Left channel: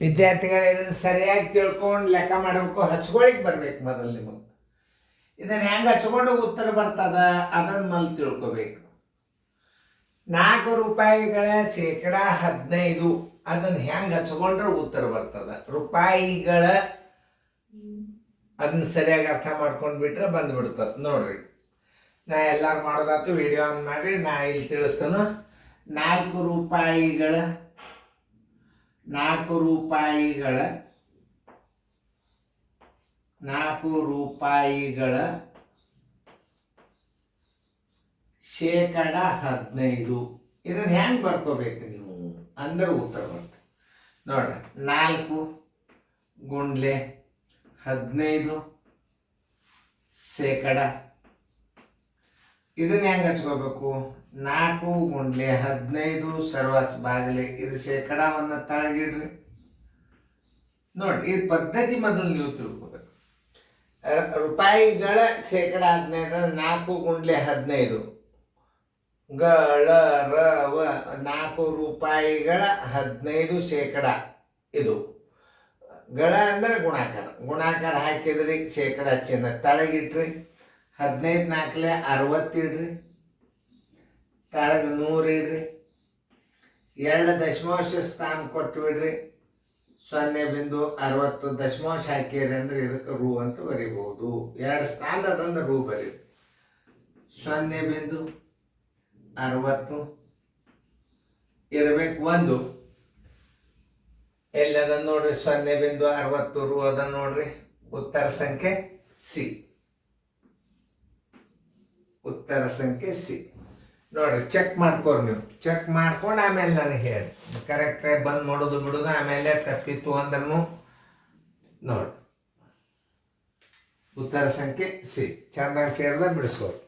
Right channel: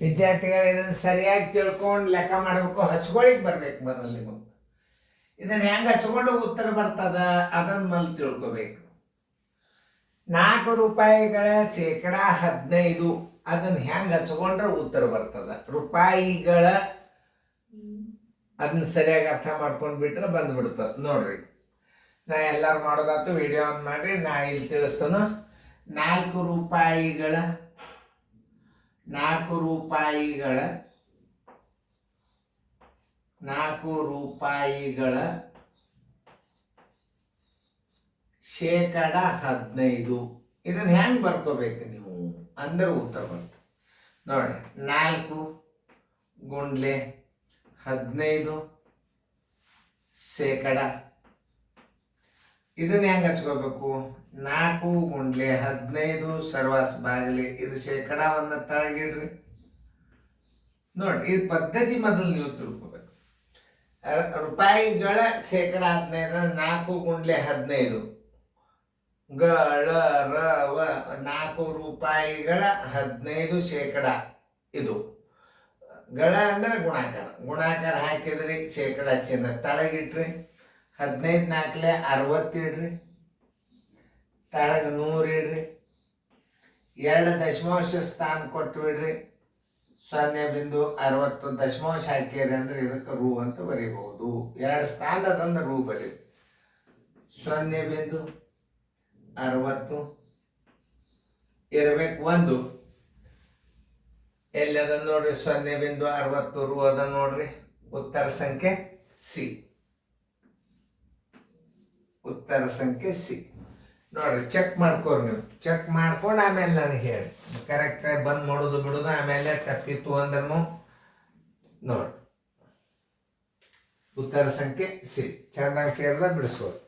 ವಿದ್ಯಾರ್ಥಿಗಳು ಇದನ್ನು ಸರಿಯಾಗಿ ತಿಳ್ಕೊಂಡು ಲೆಕ್ಕ ಮಾಡಬೇಕು, ಹಚ್ಕೊಳಿಕ್ ಬರ್ಬೇಕು. ಮೊದಲು ನಿಮಗೆ ಇದನ್ನು ಹೆಂಗೆ ಹಚ್ಕೊಂಡು ಉತ್ತರ ಬರ್ತದ ಅದನ್ನು ಮೊದಲು ತಿಳ್ಕೊಬೇಕು. 4 ರೂಪಾಯಿಗಳ ಶೇಕಡ 15 ಅದನ್ನು ಹೆಂಗೆ ಹಚ್ಕೊಂಡ್ರೆ ಉತ್ತರ ಬರ್ತದ. ರೂಪಾಯಿಗಳ ಅದನ್ನ ಸರಿಯಾಗಿ ಅರ್ಥ ಮಾಡ್ಕೊಂಡು ಬಿಟ್ರೆ ಬಂದ್ಬಿಡ್ತದೆ. ನೋಡ್ರಿ, ನಾ ಎಲ್ಲರೂ ಮಾಡೋದಾಯ್ತು, ವಿಡಿಯೋ ಆನ್ ಮಾಡಿ ನಾ ಇಲ್ಲಿ ತಿಳಿಸ್ತಾನು. 4 ರೂಪಾಯಿಗಳ ಶೇಕಡ 15 ಇದನ್ನ ಹೆಂಗೆ ಬರ್ಕೋಬೇಕು ನೀವು ಅಂದ್ರೆ ಉತ್ತರ ಬರ್ತದೆ. ನೋಡ್ರಿ, 4 ಗುಂಡ್ಲೆ 15 ಶೇಕಡ. ಇದನ್ನ ಹೆಂಗೆ ಹಚ್ಕೋಬೇಕು? 4 ಗುಂಡ್ಲೆ 15 ಸರ್ವಾಸ್ ಬಾಗಿಲೆ. ಇದು ಶೇಕಡವನ್ನು ತಳಗಿಡ್ರಿ. ನೋಡ್ರಿ, ಈ ಪದ್ಧತಿ ಮೊದಲು ನೀವು ತಿಳ್ಕೊಬೇಕು. ರೂಪಾಯಿಗಳ ಶೇಕಡ 15 4 ಗುಂಡ್ಲೆ 15 4 ರೂಪಾಯಿಗಳ 15 ಶೇಕಡ. ಇದು ಗಳ ಅಂದ್ರೆ ಗುಣಾಕಾರ ಹಾಕಿದ್ರಿ, ಶೇಕಡ ಚಿನ್ನ ತಳಗಿಟ್ರಿ. 15 4 60 ಇಡ್ರಿ, ತಳಗ 100 ಇಡ್ರಿ. 2 ದಶಮಾಂಶ ಸ್ಥಾನ ಕೊಟ್ಟು ಬಿಡ್ರಿ. 0.60 ದಶಮಾಂಶ ಹಾಕಿರಿ ಅಂದ್ರೆ ಇದಕ್ಕೆ ರೂ ಅಂತ ಬರಿಬಹುದು. 2 ಸ್ಥಾನದಂದ್ರೆ ರೂ ಬರೀ. 0.60 ಇರಬೇಕು. 1 ಎಲ್ಲಿ ಅದನ್ನು ನೋಡ್ರಿ, 0.60 ರೂ ಅದನ್ನು ನೋಡ್ರಿ. ಉತ್ತರ ಸಂಖ್ಯೆ ಸಿ. ಉತ್ತರ ಸಂಖ್ಯೆ ಸಿ. ನೋಡ್ರಿ, ಚೆಕ್ ಮಾಡ್ಕೋರಿ. ನೀವು ಚೆಕ್ ಮಾಡ್ಕೊಂಡು ಆಮೇಲೆ ನನಗೆ ಹೇಳಿ. ಕರೆಕ್ಟಾಗಿ ಬಂದು ನೋಡೋದು ಬಿಡೋದು. ಆಮೇಲೆ ತಪ್ಪಿತ್ತು ಅಂದ್ರೂ ನೋಡ್ರಿ, ಉತ್ತರ ಸಂಖ್ಯೆ ಸಿ. ಚಂದಾಗಿ ಕೇಳ್ದ ಬಿಡಿಸ್ಕೋರಿ.